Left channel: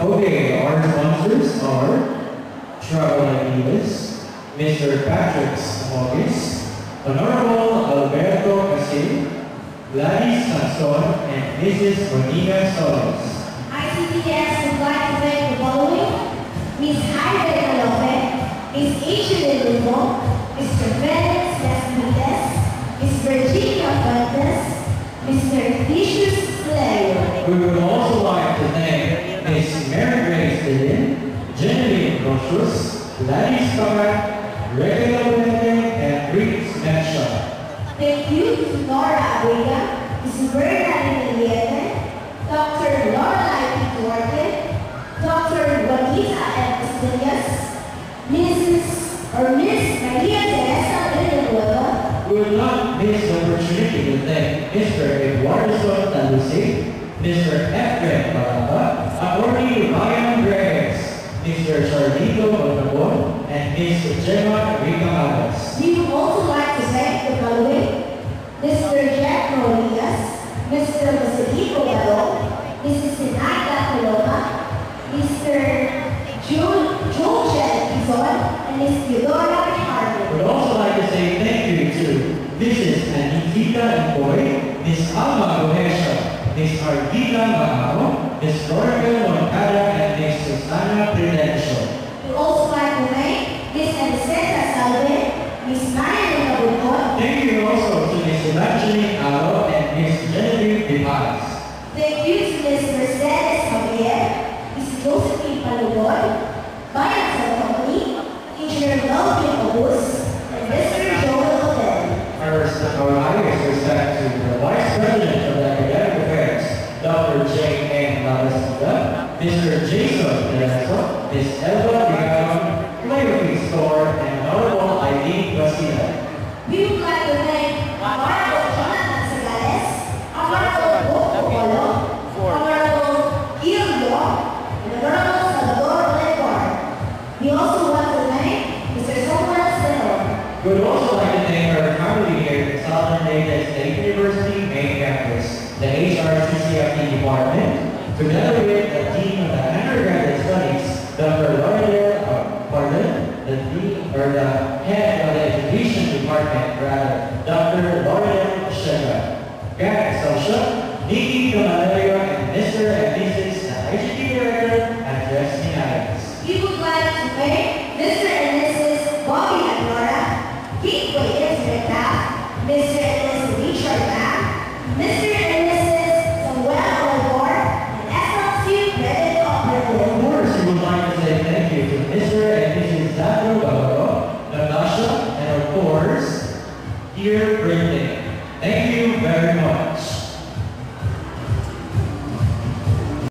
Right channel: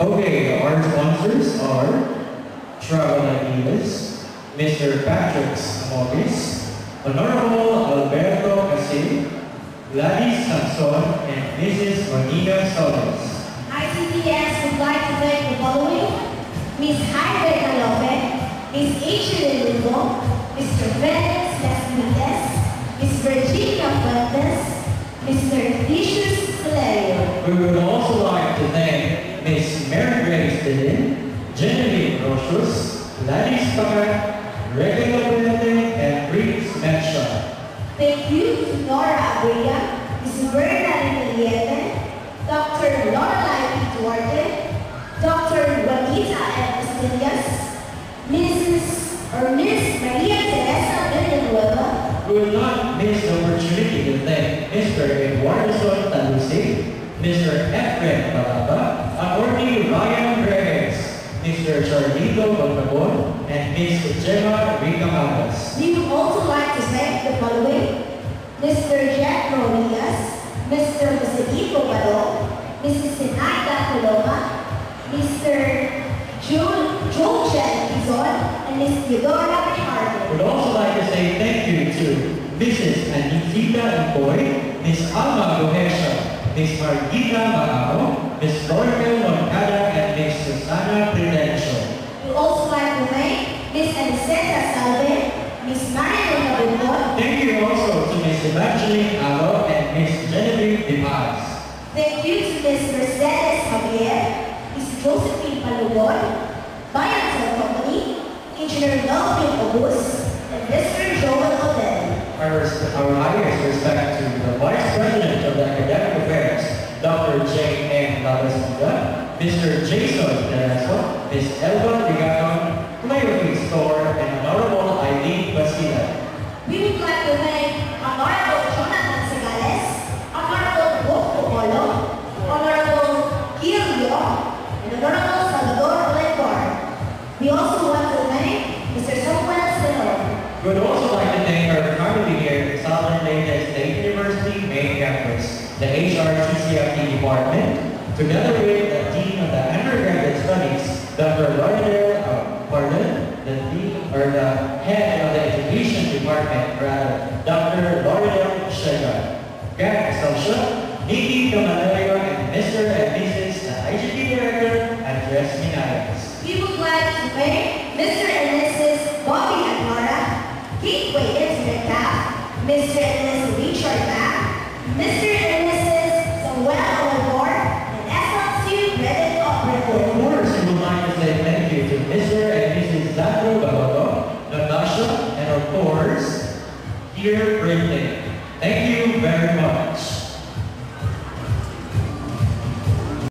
Okay, our sponsors are Travel Ideas, Mr. Patrick Morris, Honorable Alberto Casil, Gladys Sanson, and Mrs. Bonita Solis. ICTS would like to thank the following: Ms. Jaime Calope, Ms. H. Lugo, Mr. Felix Lasmites, Ms. Virginia Fuentes, Mr. Titius Clario. We would also like to thank Ms. Mary Grace Dillon, Genevieve Rochus, Gladys Scott, Regula Benedict, and Reese Menshaw. Thank you to Nora Abrega, Ms. Bernadine Liete, Dr. Lorelai Duarte, Dr. Juanita M. Castillas, Miss Maria Teresa Villanueva. We will not miss the opportunity to thank Mr. Eduardo Talusi, Mr. Efren Balaba, Attorney Ryan Reyes, Mr. Charlito Bontabon, and Ms. Gemma Rica Magas. We would also like to thank the following: Mr. Jack Rodriguez, Mr. Josefito Balo, Mrs. Sinaida Coloma, Mr. Joel Kizon, and Ms. Theodora Ricardo. We'd also like to say thank you to Mrs. Anita Boy, Ms. Alma Gohesha, Ms. Margita Mahao, Ms. Royal Moncada, and Ms. Susana Prudential. We also like to thank Ms. Aniceta Salve, Ms. Marian Nabunod. Thank you also to Ms. Evangeline Alo and Ms. Genevieve Dimas. Thank you to Ms. Mercedes Javier, Ms. Josephine Palugod, Bayan sa Company, Engineer Melvin August, and Mr. Joel Odell. Our highest respect to the Vice President of the Academic Affairs, Dr. J. N. Lavasida, Mr. Jason Dereso, Ms. Elba Liganon, Flavor Store, and Honorable Eileen Bastida. We would like to thank Honorable Jonathan Sagales, Honorable Bob Opolo, Honorable Ilio, and Honorable Salvador Lenbar. We also want to thank Mr. Samuel Senor. We would also like to thank our faculty here at Southern Leyte State University main campus, the HRCCFT department, together with the Dean of the Undergraduate Studies, Dr. Lauderdale Pardon, the head of the Education Department, Dr. Lauderdale Shega, Grant Social, Nikki Camalerio, and Mr. and Mrs. IGT Director, Andres Minares. We would like to thank Mr. and Mrs. Bobby and Nora, Gateway Internet Staff, Mr. and Mrs. Richard Lam, Mr. and Mrs. Samuel Olivor, and SLC Credit Operator. Of course, we would like to say thank you to Mr. and Mrs. Zachary Bavaro, Natasha, and of course, dear Brinley. Thank you very much.